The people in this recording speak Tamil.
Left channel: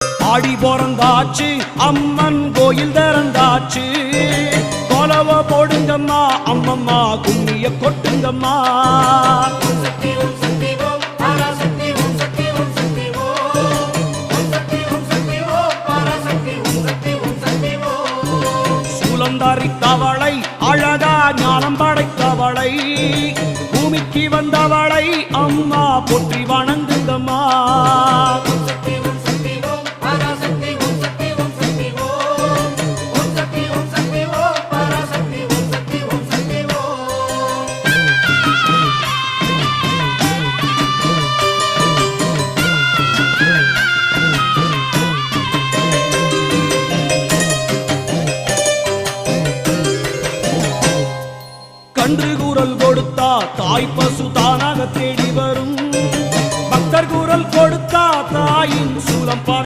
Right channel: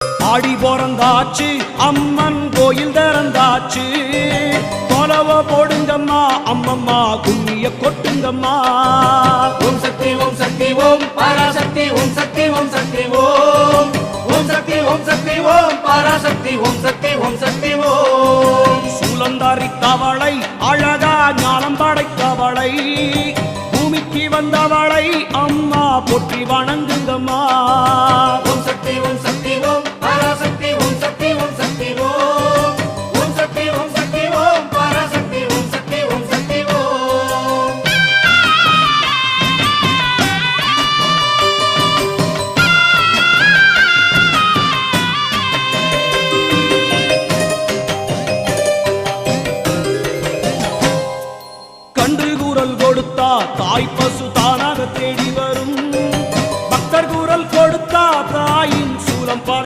ஆடி பிறந்தாச்சு அம்மன் கோயில் திறந்தாச்சு. கொலவ போடுங்கம்மா அம்மம்மா கும்மிய கொட்டுங்கம்மா. ஓம் சக்தி ஓம் சக்தி ஓம் பராசக்தி ஓம் சக்தி ஓம் சக்தி ஓம். ஓம் சக்தி ஓம் சக்தி ஓம் பராசக்தி ஓம் சக்தி ஓம் சக்தி ஓம். சூலந்தாரி தவளை அழகா ஞானம் படைத்தவளை. பூமிக்கு வந்தவளை அம்மா போற்றி வணங்குங்கம்மா. கன்று கூறல் கொடுத்தா தாய் பசு தானாக தேடி வரும். பக்தர் கூறல் கொடுத்தா தாயின் சூலம்